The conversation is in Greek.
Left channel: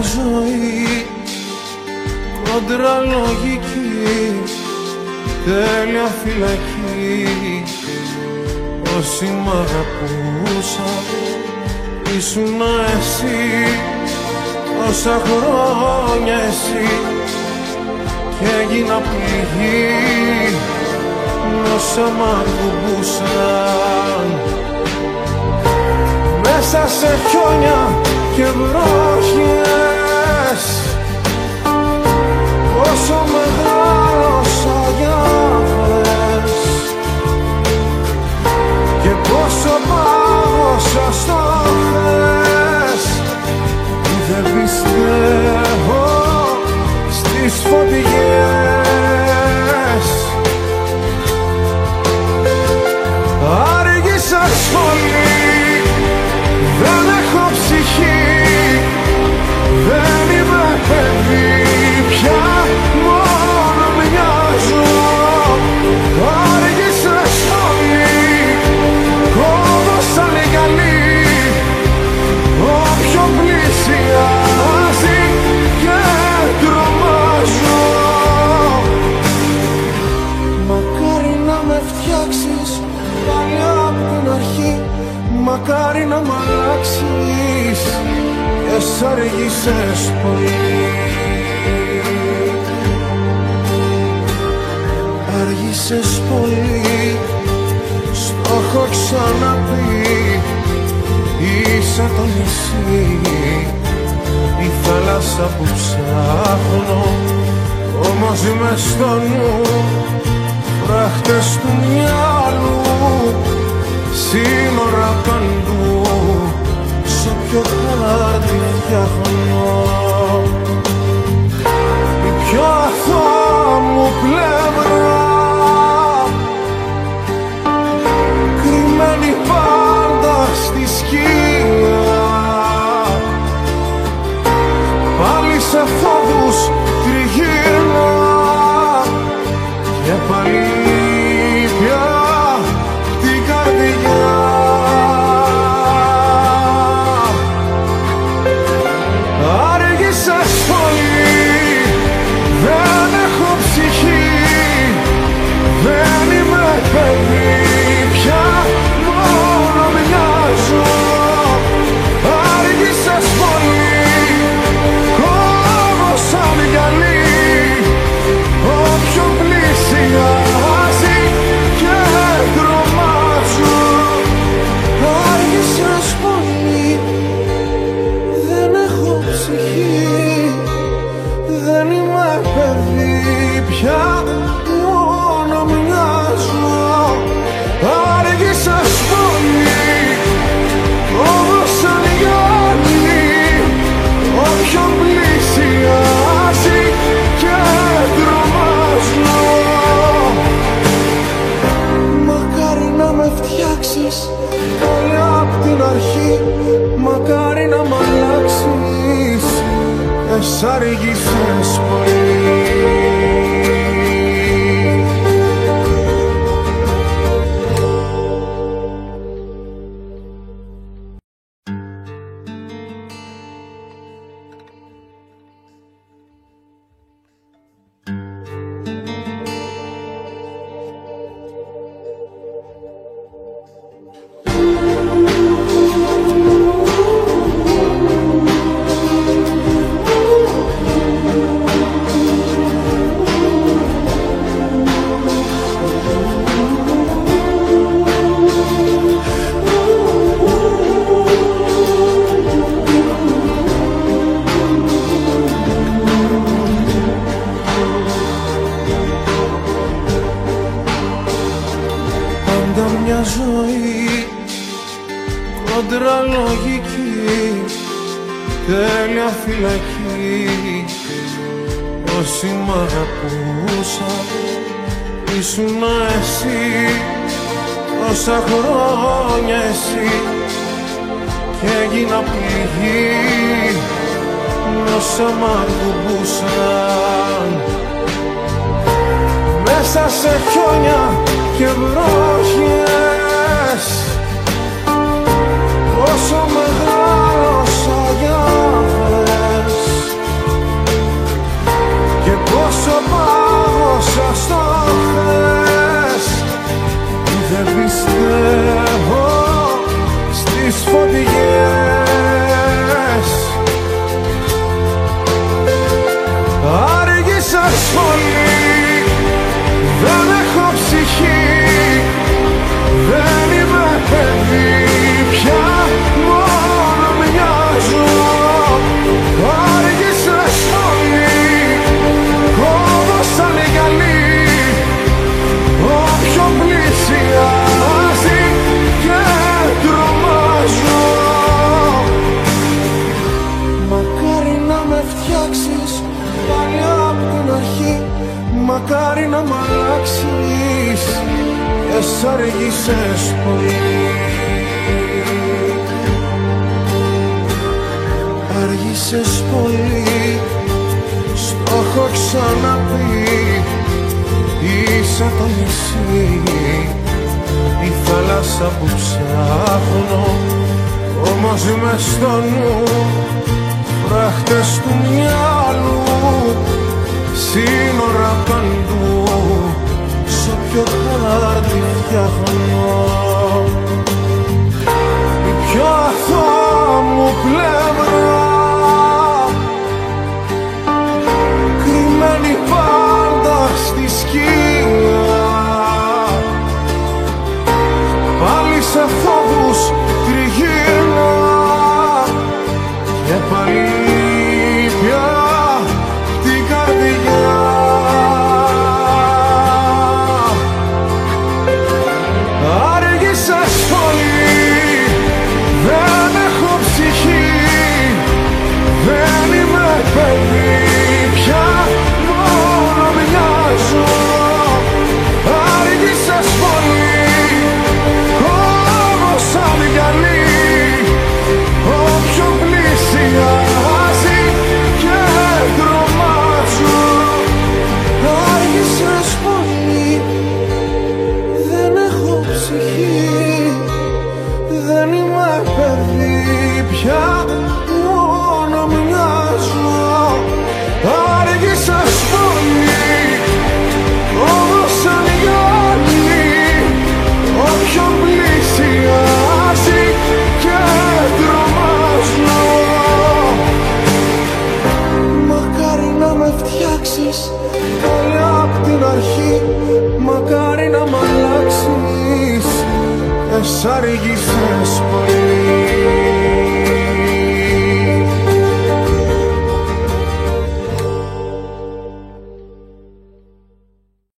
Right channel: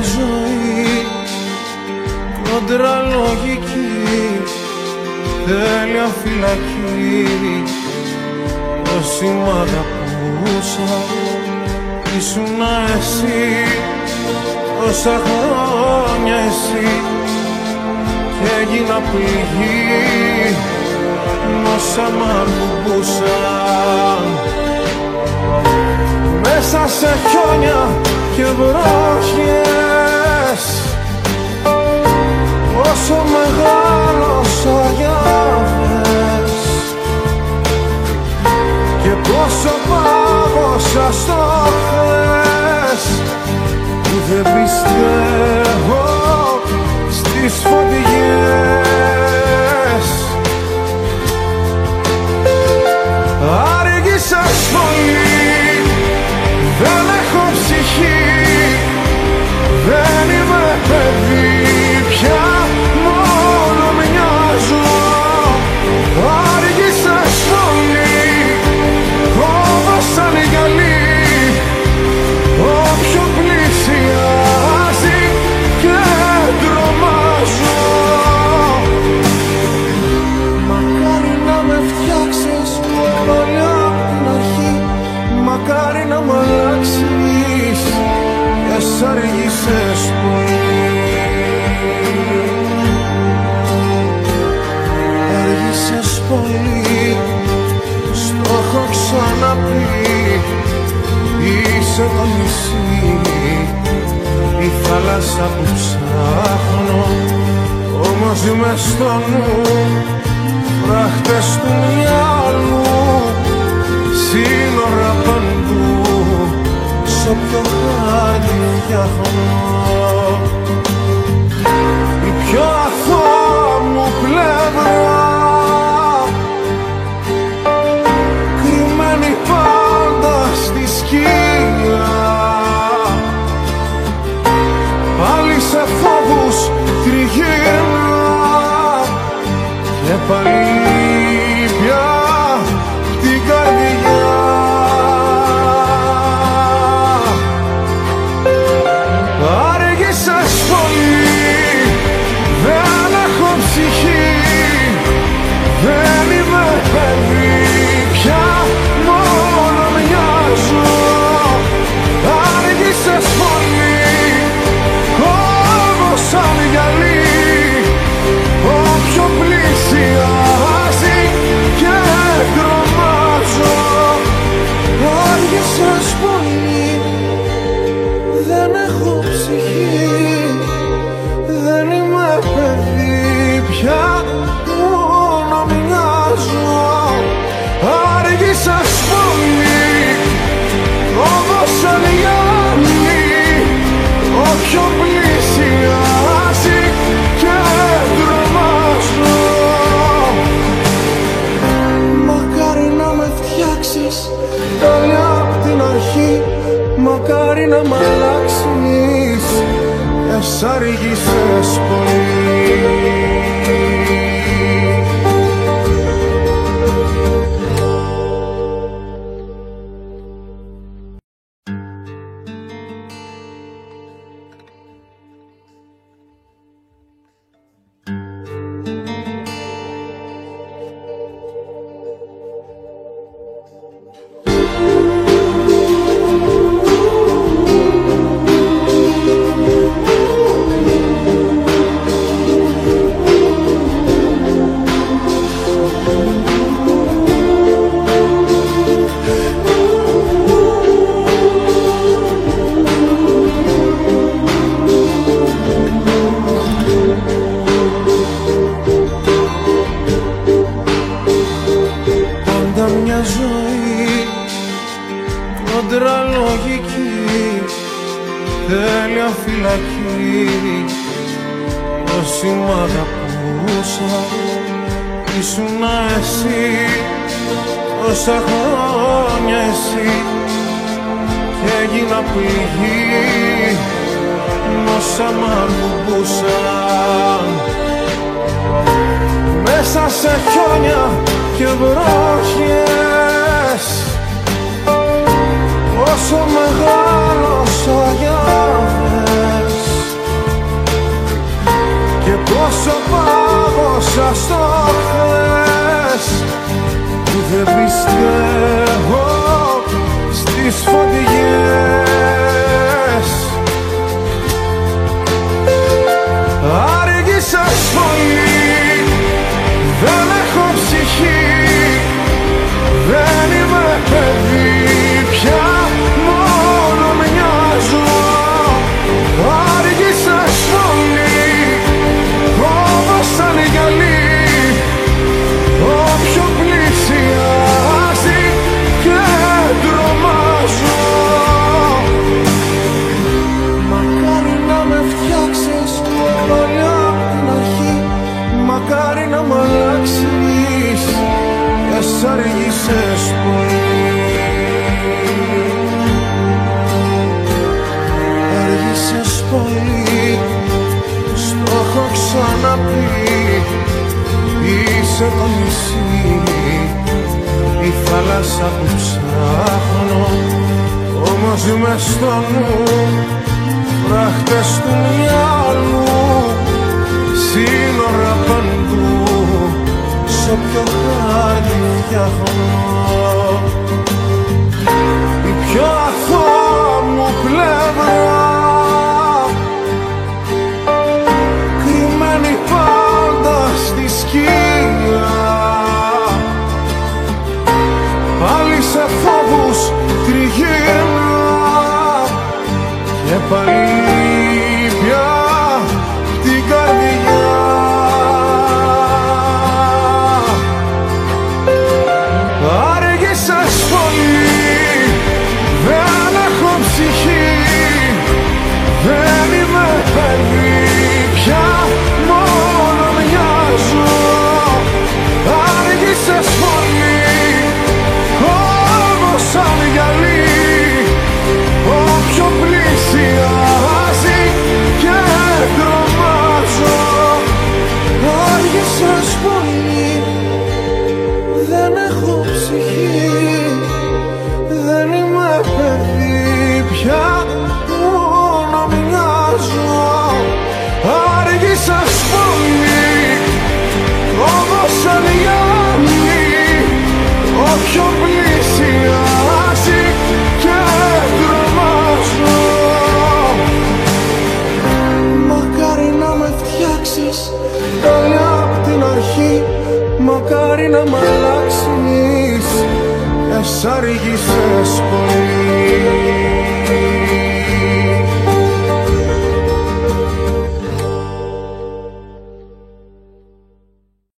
μια ζωή κόντρα λογική, τέλεια φυλακή. Όσοι μ' αγαπούσα ήσουνα εσύ, όσα χρόνια εσύ, κι έγινα πληγή όσα μ' ακουμπούσαν. Μέσα σε χιόνια και βροχές, όσο μεγάλωσα για δες, και πόσο πάγωσα στο χθες, που δεν πιστεύω στις φωτιές. Άργησες πολύ, δεν έχω ψυχή, δεν είμαι παιδί πια, μόνο μοιάζω. Άργησες πολύ, κόβω σαν γυαλί όποιον πλησιάζει και τρομάζω. Μακάρι να με φτιάξεις πάλι απ' την αρχή, μακάρι να μ' αλλάξεις και σ' αργήσες πολύ. Αργήσες πολύ, στο έχω ξαναπεί, είσαι το νησί, η θάλασσα που ψάχνω, όμως μες στο νου φράχτες του μυαλού, σύνορα παντού, σ' όποιο χάρτη φτιάχνω. Η πιο αθώα μου πλευρά, κρυμμένη πάντα στη σκιά, πάλι σε φόβους τριγύρνα και πάλι πια την καρδιά. Άργησες πολύ, δεν έχω ψυχή, δεν είμαι παιδί πια, μόνο μοιάζω. Άργησες πολύ, κόβω σαν γυαλί όποιον πλησιάζει και τρομάζω. Άργησες πολύ, δεν έχω ψυχή, δεν είμαι παιδί πια, μόνο μοιάζω. Άργησες πολύ, κόβω σαν γυαλί όποιον πλησιάζει και τρομάζω. Μακάρι να με φτιάξεις πάλι απ' την αρχή, μακάρι να μ' αλλάξεις και σ' αργήσες πολύ. Μια ζωή κόντρα λογική, τέλεια φυλακή. Όσοι μ' αγαπούσα ήσουνα εσύ, όσα χρόνια εσύ, κι έγινα πληγή όσα μ' ακουμπούσαν. Μέσα σε χιόνια και βροχές, όσο μεγάλωσα για δες, και πόσο πάγωσα στο χθες, που δεν πιστεύω στις φωτιές. Άργησες πολύ, δεν έχω ψυχή, δεν είμαι παιδί πια, μόνο μοιάζω. Άργησες πολύ, κόβω σαν γυαλί όποιον πλησιάζει και τρομάζω. Μακάρι να με φτιάξεις παλιά απ' την αρχή, μακάρι να μ' αλλάξεις και σ' άργησες πολύ. Άργησες πολύ, στο έχω ξαναπεί, είσαι το νησί, η θάλασσα που ψάχνω, όμως μες στο νου φράχτες του μυαλού, σύνορα παντού, σ' όποιο χάρτη φτιάχνω. Η πιο αθώα μου πλευρά, κρυμμένη πάντα στη σκία, πάλι σε φόβους τριγύρνα και πάλι πια την καρδιά. Άργησες πολύ, δεν έχω ψυχή, δεν είμαι παιδί πια, μόνο μοιάζω. Άργησες πολύ, κόβω σαν γυαλί όποιον πλησιάζει και τρομάζω. Άργησες πολύ, δεν έχω ψυχή, δεν είμαι παιδί πια, μόνο μοιάζω. Άργησες πολύ, κόβω σαν γυαλί όποιον πλησιάζει και τρομάζω. Μακάρι να με φτιάξεις παλιά απ' την αρχή, μακάρι να μ' αλλάξεις και σ' άργησες πολύ.